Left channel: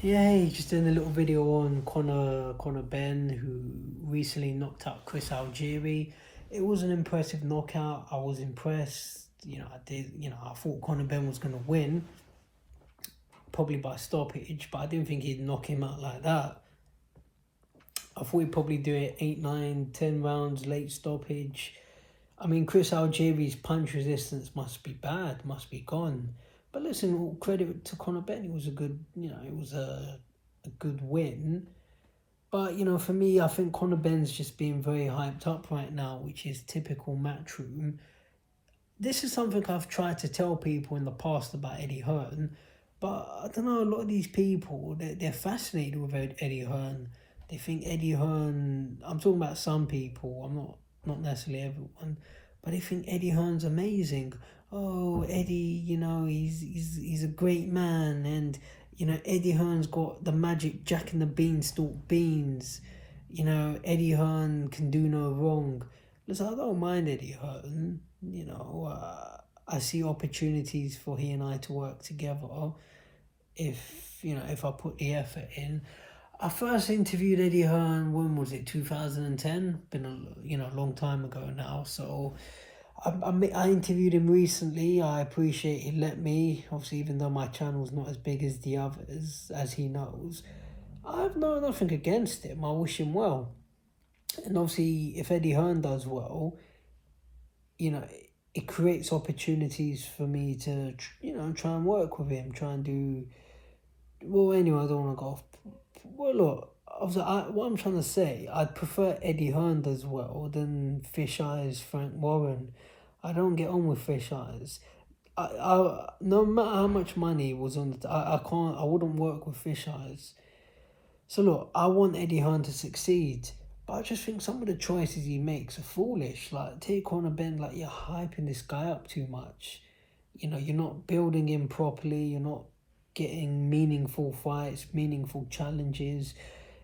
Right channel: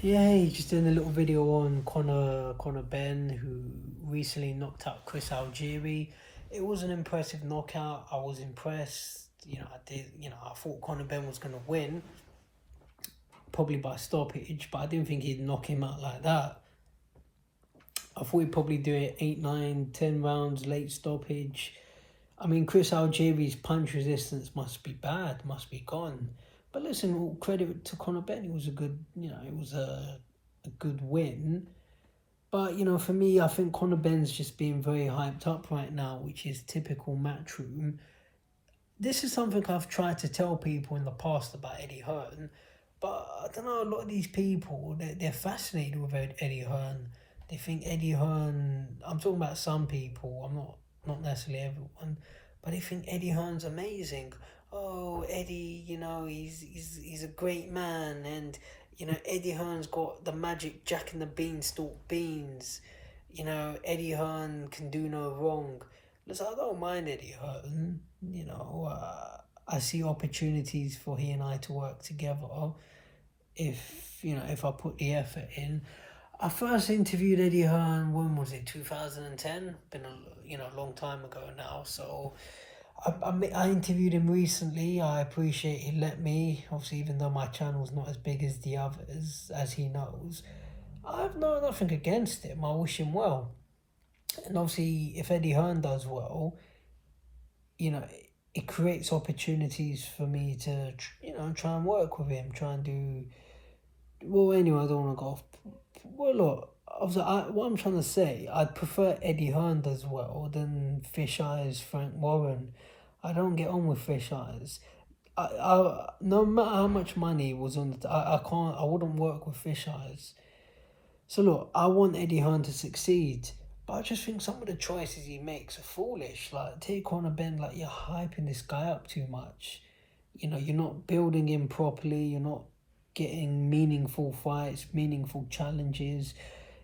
Yeah, hey, just doing a little video on Conor Benn, who recently knocked out Chris Algieri. It was an impressive knockout. I was impressed. I thought Conor Benn was gonna win, probably by stoppage, but I didn't think he'd knock him out like that. I thought he'd probably do it 8, 9, 10 rounds, late stoppage. I mean, Chris Algieri's punch resistance must be bad, must be gone. But listen, all credit to Conor Benn. It was a good, it was a good win. But, for me, I think Conor Benn's just being very hyped up right now, which is typical Matchroom. This is something I've tried to tell people in the past about Eddie Hearn, but I don't know, a lot of these people, they're fascinated with Eddie Hearn. They think Eddie Hearn, I'm talking about some people, I'm not necessarily everyone, but they think Eddie Hearn's amazing. Oh, Eddie, he's a great man, and Eddie Hearn's got the magic Jack and the Beanstalk beans. Eddie Hearn can do no wrong. Listen, I don't mind Eddie Hearn. I see opportunities for he and I to work together if I put the effort in. I first interviewed Eddie Hearn, when was it, 2010? Been a long time ago now. So I interviewed him recently. I appreciate he let me. Obviously, even though my channel's not as big as the others, as he knows, I have nothing against him. I wish him well. And obviously, if Eddie Hearn does well, it creates opportunities for me to, try and work with him, try and do. Well, anyway, I don't want to go off. Well, look, what I'm trying to say, I'd prefer Eddie Hearn does well than Fish Eyes Frank Warren. I don't get on with Fish Eyes. No matter how much money was on the, I wouldn't work with Fish Eyes. So look, I want Eddie Hearn to succeed, but I just think some of the choices he makes are foolish. Like, take Conor Benn, like, you're hyping this guy up too much. You're not building him properly. You're not getting meaningful fights, meaningful challenges.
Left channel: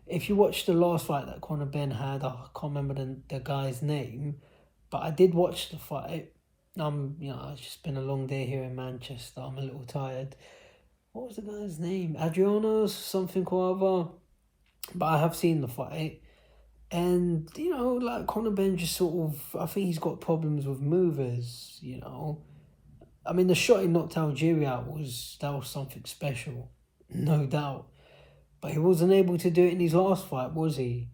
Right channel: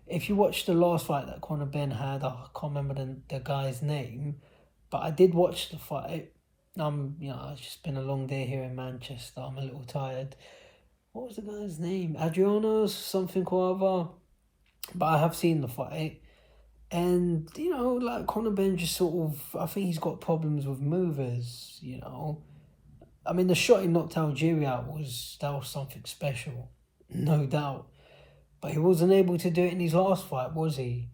If you watch the last fight that Conor Benn had, I can't remember the guy's name, but I did watch the fight. It's just been a long day here in Manchester. I'm a little tired. What was the guy's name? Adriano, something or other. But I have seen the fight. And, like Conor Benn just sort of, I think he's got problems with movers, I mean, the shot he knocked Algeria out was something special, no doubt. But he wasn't able to do it in his last fight, was he?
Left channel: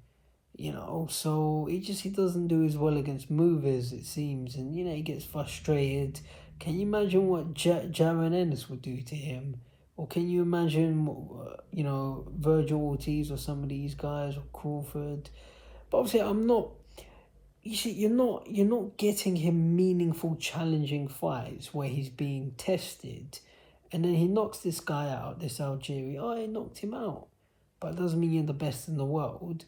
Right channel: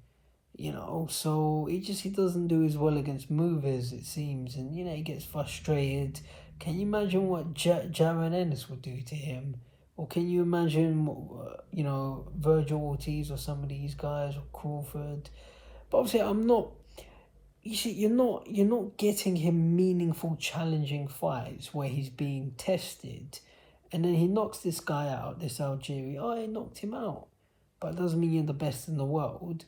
So he doesn't do as well against movers, it seems, and he gets frustrated. Can you imagine what Jaron Ennis would do to him? Or can you imagine what, Virgil Ortiz or some of these guys, or Crawford? But obviously, I'm not. You see, you're not getting him meaningful, challenging fights where he's being tested, and then he knocks this guy out, this Algerian. Oh, he knocked him out, but it doesn't mean you're the best in the world.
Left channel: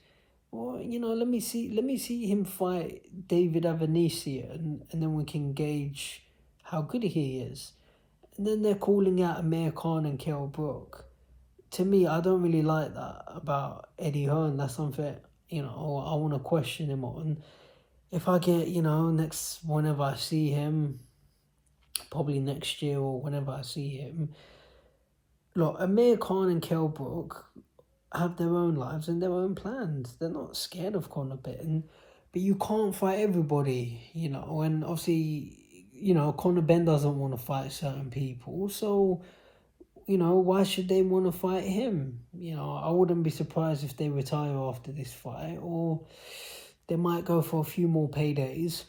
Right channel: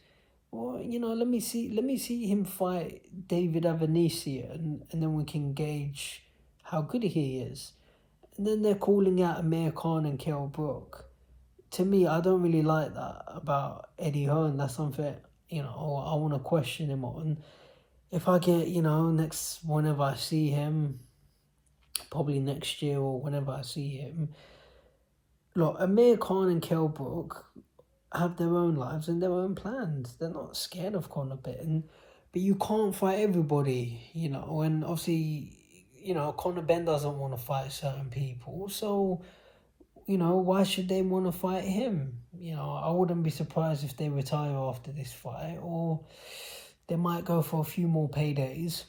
Well, let me see him fight David Avanesian, and then we can gauge how good he is. And then they're calling out Amir Khan and Kell Brook. To me, I don't really like that about Eddie Hearn. That's something I want to question him on. If I get, whenever I see him, probably next year or whenever I see him, look, Amir Khan and Kell Brook have their own lives and their own plans. They're not scared of Conor Benn, but you can't fight everybody, and obviously, Conor Benn doesn't want to fight certain people, so, why should they want to fight him? I wouldn't be surprised if they retire after this fight, or they might go for a few more paydays.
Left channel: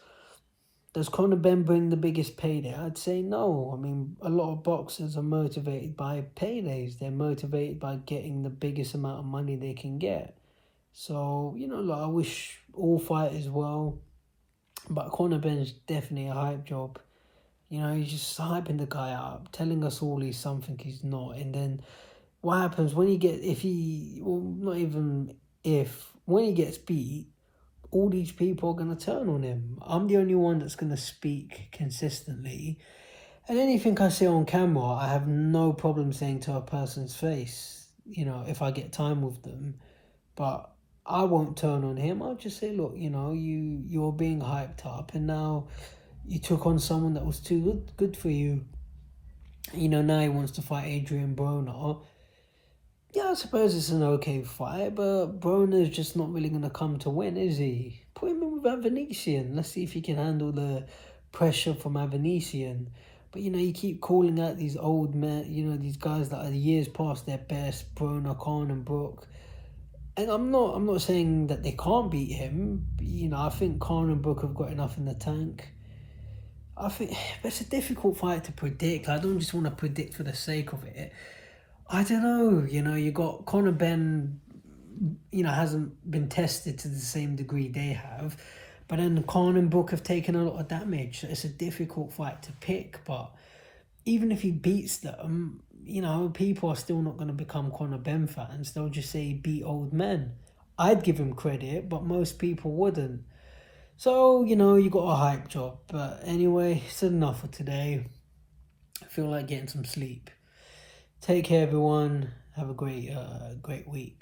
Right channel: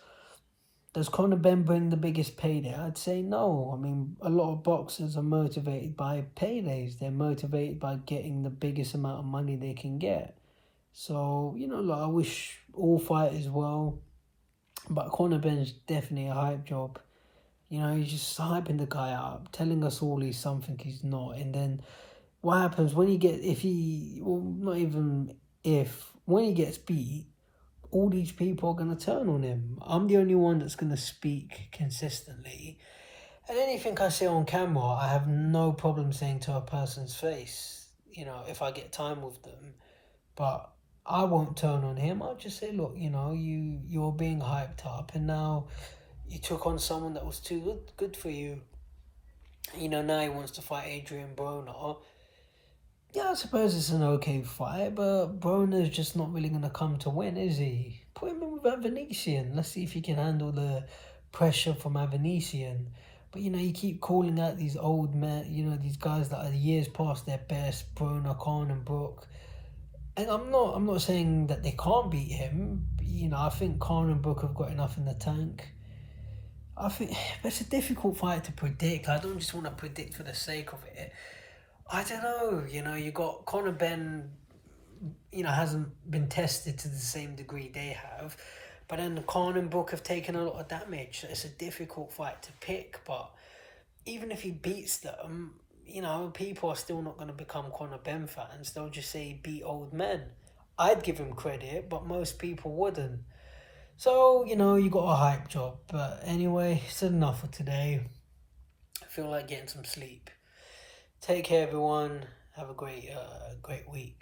Does Conor Benn bring the biggest payday? I'd say no. I mean, a lot of boxers are motivated by paydays. They're motivated by getting the biggest amount of money they can get. So, I wish all fighters well. But Conor Benn's definitely a hype job. He's just hyping the guy up, telling us all he's something he's not. And then what happens when when he gets beat, all these people are going to turn on him. I'm the only one that's going to speak consistently. And anything I say on camera, I have no problem saying to a person's face, if I get time with them. But I won't turn on him. I'll just say, look, you're being hyped up, and now you took on someone that was too good for you. Now he wants to fight Adrian Broner. Yeah, I suppose it's an okay fight, but Broner's just not really going to come to win, is he? Put him in with Avanesian. Let's see if he can handle the pressure from Avanesian. But you keep calling out these old men, these guys that are years past their best, Broner, Khan, and Brook. And I'm not saying that they can't beat him. I think Khan and Brook have got enough in the tank. I think it's a difficult fight to predict. I don't just want to predict for the sake of it. I don't know. You got Conor Benn. Hasn't been tested to the same degree they have, but then Conor and Brook have taken a lot of damage. So it's a difficult fight to pick. But even if he beats them, people are still not going to become Conor Benn fans. They'll just say he beat old men. I'd give him credit, but most people wouldn't. So, you got a hype job. But anyway, it's enough for today. I feel like getting some sleep. Take care, everyone. Have a great week.